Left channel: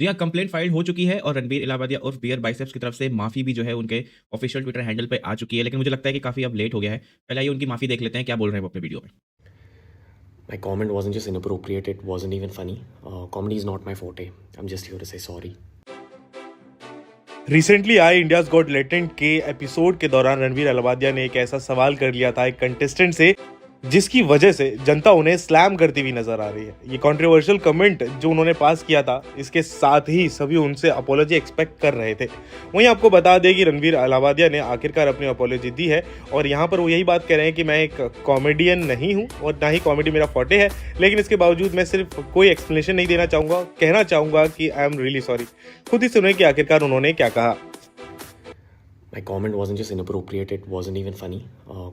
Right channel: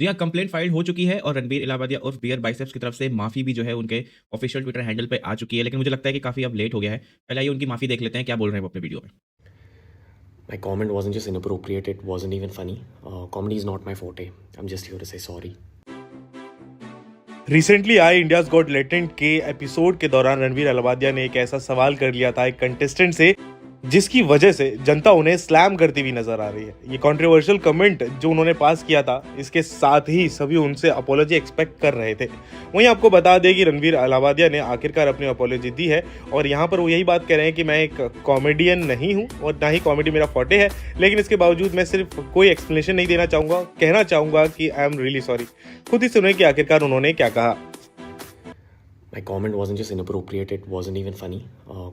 जी हाँ, complaint file हो चुकी है और रणबीर इलाहाबादिया उर्फ बियर बाइसेप्स की तरफ से माफ़ी भी जो है उनके ऑफिशियल ट्विटर हैंडल पे आ चुकी है। लेकिन मुझे लगता है कि काफ़ी अब लेट हो गया है। पहले आइए उनकी माफ़ी देख लेते हैं, क्या बोल रहे हैं वो अपने वीडियो में। My comment wasn't just inappropriate, it wasn't even funny. Comedy is not my forte. I'm just here to say sorry. Recently आए इंडियाज गॉट लेटेंट के एपिसोड के दौरान रणवीर अलाहाबादिया ने एक ऐसा सवाल कर लिया था एक कंटेस्टेंट से जिसकी वजह से जनता उन्हें स्लैम करती हुई नजर आ रही है। ये कंट्रोवर्शियल कमेंट जो उन्होंने पास किया था, इसके साथ ही सभी उनसे अपॉलॉजी एक्सपेक्ट कर रहे थे। वहीं आपको बता दें कि रणवीर अलाहाबादिया ने आखिरकार अपनी अपॉलॉजी दी है और यहाँ पर वो यही बात कह रहे हैं कि मैं एक कॉमेडियन नहीं हूँ और ना ही कॉमेडी मेरा फॉर्टे है, लेकिन इसके बावजूद मैं सिर्फ कोई एक्सप्लेनेशन नहीं देना चाहूँगा, कहना चाहूँगा कि आई एम रियली सॉरी। खुद ही सुने कि आखिरकार उन्होंने क्या कहा। My comment wasn't just inappropriate, it wasn't even funny.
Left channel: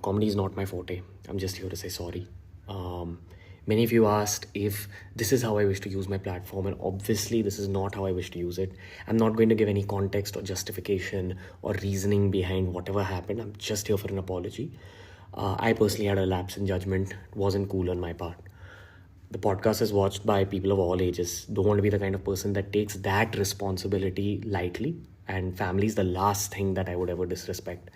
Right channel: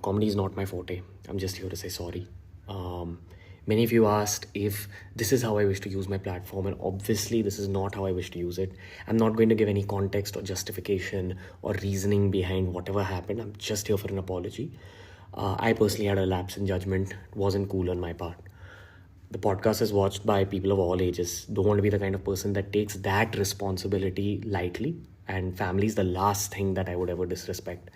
Comedy is not my forte. I'm just here to say sorry. Many of you asked if this is how I wish to use my platform, and obviously this is not how I wish to use it. I'm not going to give any context or justification or reasoning behind whatever happened. I'm just here for an apology. I personally had a lapse in judgment. It wasn't cool on my part. The podcast is watched by people of all ages. Don't want to be the kind of person that takes that responsibility lightly. And family is the last thing that I would ever disrespect.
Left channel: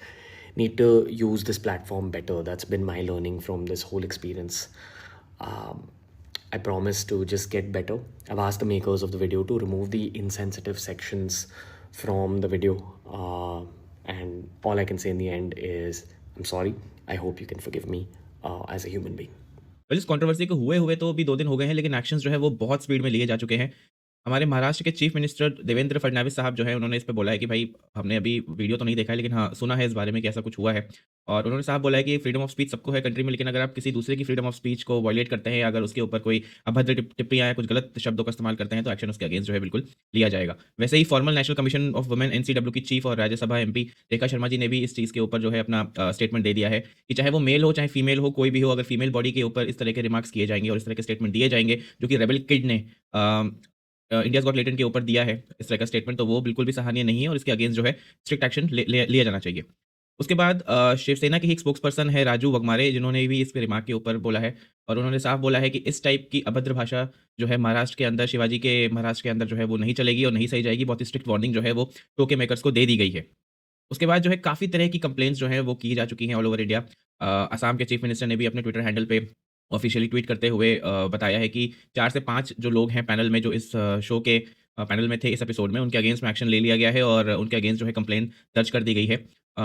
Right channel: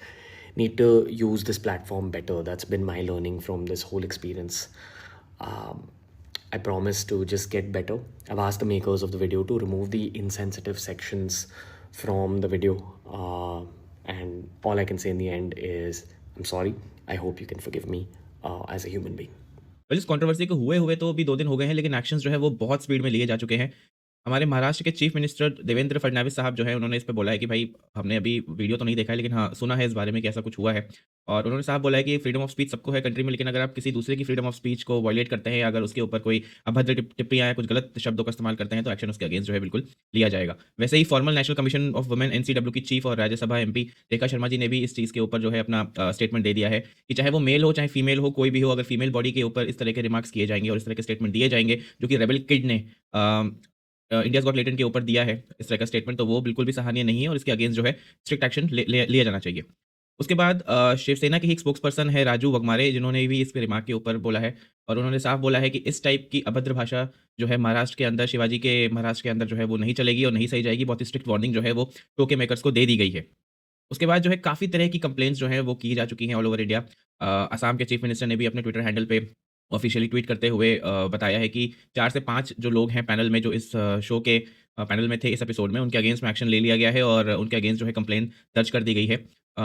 Need to use this platform better. That's been my learning from this whole experience. I promise to just get better. I've asked the makers of the video to remove the insensitive sections from the video. And all I can say in the end is, I'm sorry. I hope you can forgive me as a human being. Well, इस controversy को हुए तो अभी 2 दिन हो गए हैं, लेकिन एक्शंस जो है वो बहुत स्पीड में लिए जा चुके हैं। हमारे महाराष्ट्र के चीफ मिनिस्टर देवेंद्र फडणवीस साहब जो है उन्होंने इस पे बोला है कि भाई हमने अभी वीडियो तो नहीं देखा है, लेकिन हाँ, सुना है इस बारे में कि ऐसा कुछ हुआ है। और उन्होंने साफ बोला है कि फ्रीडम ऑफ स्पीच सबको है कंट्री में, लेकिन अगर आप किसी दूसरे की फ्रीडम ऑफ स्पीच को वायलेट करते हैं, अगर उसके ऊपर कोई अभद्र टिप्पणियां या कुछ गलत शब्दों का इस्तेमाल करते हैं, तो एक्शन उसके अगेंस्ट जो है बिल्कुल लिया जाएगा। वैसे ही former national commission of women NCW की चीफ और राज्यसभा एमपी रेखा शर्मा जी ने भी इस चीज़ के ऊपर जो है अपना स्टेटमेंट दे दिया है कि चाहे वो मेल हो चाहे फीमेल हो, कोई भी हो, अगर फीमेल बॉडी के ऊपर इस तरह के रिमार्क्स किए जाएंगे और इस तरह के स्टेटमेंट दिए जाएंगे जो कि रेबल किड ने इंडियाज़ गॉट लेटेंट के ऊपर दिया है इस तरह का स्टेटमेंट, तो वो बिल्कुल भी सराहनीय नहीं है और इसके अगेंस्ट जो है स्ट्रिक्ट एक्शन लिया जाना चाहिए। उसके बाद शिवसेना के ही एक स्पोक्सपर्सन है राजू वगमारे, जिन्होंने भी इस रिमार्क के ऊपर बोला है और उन्होंने साफ बोला है कि इस टाइप की अभद्र भाषा जो है महाराष्ट्र के अंदर, शिवाजी के महाराष्ट्र के अंदर जो है वो नहीं चलेगी और नहीं सही जाएगी। बहुत ही स्ट्रिक्ट वार्निंग जो है वो शो के मेकर्स को दे दी गई है। उसके बाद जो है काफ़ी तरह की कंप्लेंट्स जो है वो की जा चुकी हैं ऑल ओवर इंडिया। असम के चीफ मिनिस्टर ने भी अपने ट्विटर हैंडल पे ऑफिशियली ट्वीट करते हुए बताया है कि 4 से 5 जो लोग हैं पैनल में, जो इस शो के पैनल में थे इस एपिसोड में, उनके अगेंस्ट में एक्शन ले लिया गया है और उनके अगेंस्ट जो है कंप्लेंट दर्ज कर दी गई है।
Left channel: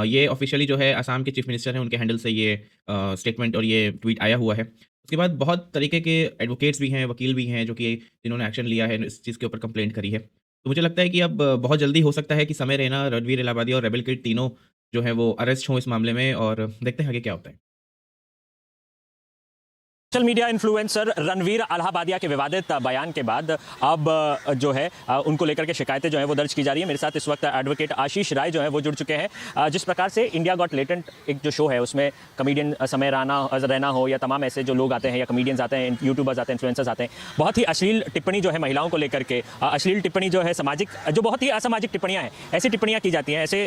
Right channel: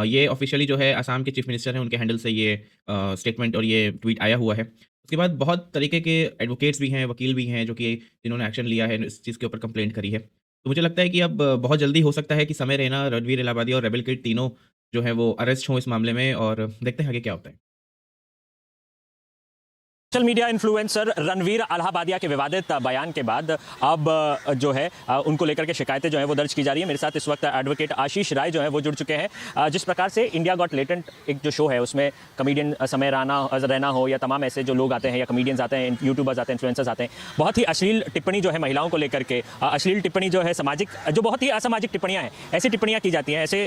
ये ऑफिशियली जो है असम के चीफ मिनिस्टर हैं, उनके हैंडल से ये स्टेटमेंट और ये ट्वीट आया हुआ है। उसके बाद बहुत तरीके के एडवोकेट्स भी हैं, वकील भी हैं, जो कि इन्होंने एक्शन लिया है, इस चीज़ के ऊपर कंप्लेंट करी है। तो मुझे लगता है कि अब बहुत जल्दी हो सकता है कि समय रैना, रणवीर इलाहाबादी और रेबल किड तीनों जो है वो अरेस्ट हों इस मामले में, और देखते हैं आगे क्या होता है। Social media influencer Ranveer Allahbadia के विवादित बयान के बाद अब जो है उनको लेकर के शिकायतें जो है वो दर्ज की जा रही है। मेरे साथ इस वक्त एडवोकेट आशीष राय जो है वो जुड़ चुके हैं। जिस प्रकार से इंडिया गॉट लेटेंट एक जो शो है उसमें कमेडियन समय रैना हो या तमाम ऐसे जो लोग आते हैं या कमेडियंस आते हैं, यूट्यूबर्स आते हैं, इन्फ्लुएंसर्स आते हैं, बहुत ही अश्लील टिप्पणी जो है महिलाओं को लेकर के, अश्लील टिप्पणी जो है सामाजिक, जो बहुत ही असामाजिक टिप्पणियाँ हैं, ऐसी टिप्पणियाँ की जाती हैं। ऐसे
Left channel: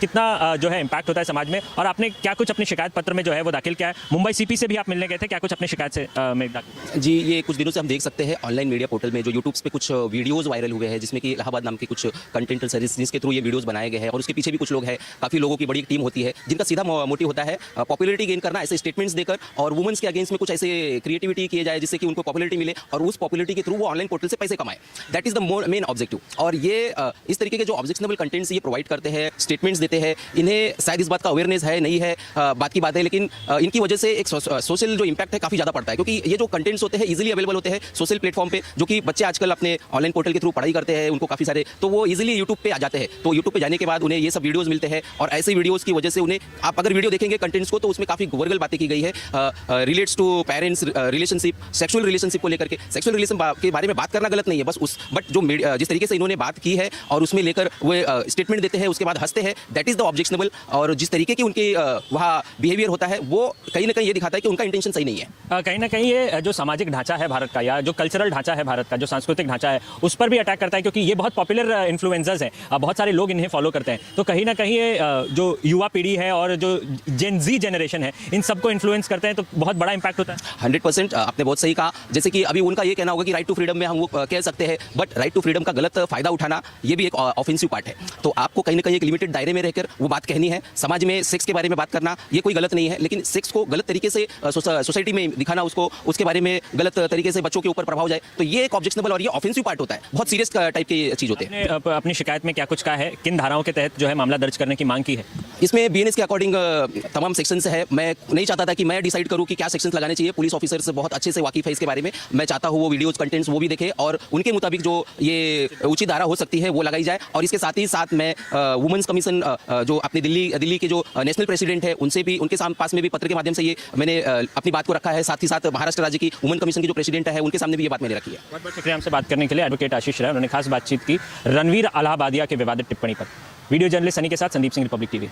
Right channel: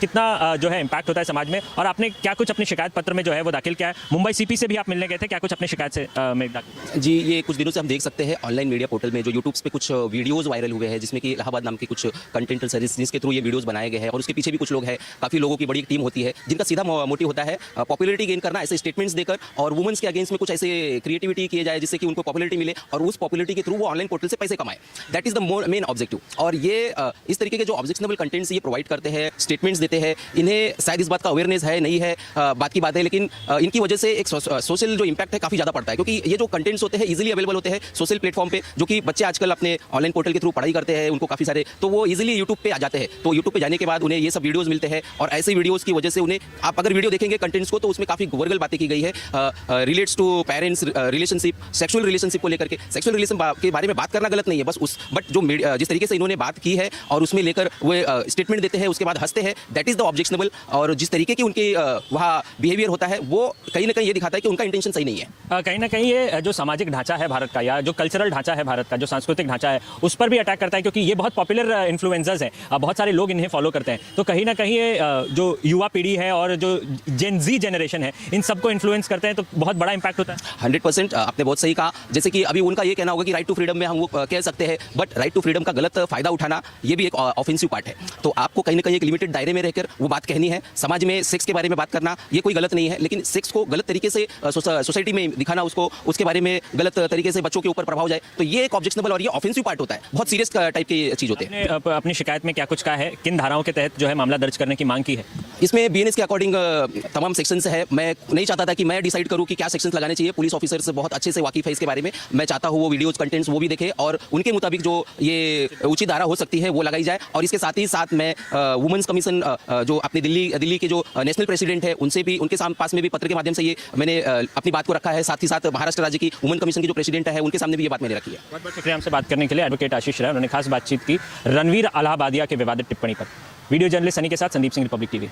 कितना जो है इम्पैक्ट होता है समाज में। और आपने क्या कुछ अपने शिकायत पत्र में जो है वो दाखिल किया है? मुंबई सीपी से भी आप मिलने गए थे, क्या कुछ अपनी शिकायत से में दाखिल? जी, ये कुछ दिनों से हम देख सकते हैं ऑनलाइन मीडिया पोर्टल में जो यूट्यूब पे कुछ वीडियोस वायरल हुए हैं, जिसमें कि इलाहाबाद नाम की कुछ कंटेंट सर्विस जिसके थ्रू ये वीडियोस बनाए गए हैं, और उसके पीछे भी कुछ लोग हैं, काफ़ी लोगों की बड़ी एक टीम होती है जिनका सीधा मोटिव होता है पॉपुलैरिटी गेन करना, ऐसे स्टेटमेंट्स देकर और वुमेन्स के अगेंस्ट में कुछ ऐसे क्रिएटिविटी किए जाए जिससे कि उनको पॉपुलैरिटी मिले और उस पॉपुलैरिटी के थ्रू वो ऑनलाइन पोर्टल से पैसे कमाए। That is the main objective. और ये इस तरीके के जो ऑब्जेक्शनेबल कंटेंट्स ये प्रोवाइड करते हैं, स्टेटमेंट्स देते हैं, इन्हें शायद इस बात का अवेयरनेस है नहीं है, बात की बात है, लेकिन इनकी वजह से एक सोशल जो इम्पैक्ट है काफ़ी ज़्यादा पड़ता है, क्योंकि ये जो कंटेंट्स होते हैं इजीली अवेलेबल होते हैं सोशल प्लेटफॉर्म पे, जो कि बच्चे आजकल अपने ऑनलाइन पोर्टल के थ्रू पढ़ाई करते हैं, उनको काफ़ी सारे, तो वो इजीली यूट्यूब पे आ जाते हैं। तो यूट्यूब पे जाने के बाद उन्हें ये सब वीडियोस मिलते हैं और ऐसे वीडियोस की वजह से उन्हें, आप अगर वीडियो देखेंगे कंटेंट्स को, तो उसमें काफ़ी वर्गल बातें की गई है, relates to parents relationship, sexual relationship को लेकर के। सेक्सुअल रिलेशन के बारे में बात करना गलत नहीं है, बस उस बट जो जिस तरीके से इन्होंने बात की है और उसमें लेकर वो स्टेटमेंट देते हैं, उसके बाद हंसते हैं, दैट इज द ऑब्जेक्शनेबल। और जिस तरीके की उनकी वहाँ बिहेवियर होता है, वो कहीं ना कहीं ये दिखाता है कि उनका इंटेंशन सही नहीं है। कहीं ना कहीं ये जो सामाजिक ढांचा है भारत का, या जो कल्चरल ढांचा है भारत का, जो सांस्कृतिक ढांचा है, उस पर भी अटैक करता है, क्योंकि ये बहुत पॉपुलर इन्फ्लुएंसर्स है, बहुत सारे लोग इन्हें फॉलो करते हैं। तो कहीं ना कहीं ये जो युवा पीढ़ी है और जो जेन जी जनरेशन है, इन सबको इन्फ्लुएंस करते हैं, तो बहुत बड़ा इंपैक्ट होता है। 100% आपने बहुत सही कहा। जैसे कि अभी उनका ये कहना होगा कि राइट टू फ्रीडम में हम वो कह सकते हैं, बट राइट टू फ्रीडम का गलत फायदा उठाना ये भी एक ऑफेंसिव पार्ट है। तो आपको कहीं ना कहीं एक लिमिटेड दायरे में रहकर वो बात कहनी है। समाज में सेक्स के बारे में बात करना ये कोई गलत नहीं है, लेकिन सेक्स को गलत तरीके से सोसाइटी में दिखाना, उसको उसके बारे में गलत तरीके से बच्चों के ऊपर प्रभाव जाए, तो ये एक ऑब्जेक्शनेबल और ये ऑफेंसिव पार्ट होता है। बहुत सीरियस टाइप की चीज होती है। आपने अपनी शिकायत में क्या कुछ कहा है, किन धाराओं के तहत जो है मामला दर्ज करने की मांग की है? इसमें बीएनएस के अकॉर्डिंग तमाम सेक्शंस है। मैं नहीं चाहता था कि मैं डिसाइड करूं कि क्या सेक्शंस लगाने चाहिए। पुलिस ऑफिसर्स बहुत अच्छे से वाकिफ है इसके बारे में। मैं चाहता हूं वो वीडियोज कंटेंट्स वो भी देखे और उनके मुताबिक जो ये उचित धारा हो सकती है वो लगाई जाए। और इसके साथ ही साथ मैं वुमेन्स कमीशन जो अपने दिल्ली के जो नेशनल प्रेसिडेंट है उनसे भी, उनके पास में भी पत्र के माध्यम से ये मैंने अपनी बात को रखा है। साथ ही साथ महाराष्ट्र राज्य की वुमेन कमीशन की जो प्रेसिडेंट है उनके सामने भी ये बात मैंने रखी है। बहुत बहुत शुक्रिया हमसे बात करने के लिए एडवोकेट आशीष राय। उन्होंने खास बातचीत की रणवीर अलाहाबादिया के विवादित टिप्पणी पर। वीडियो जर्नलिस्ट सनी के साथ संदीप सिंह, रिपब्लिक टीवी।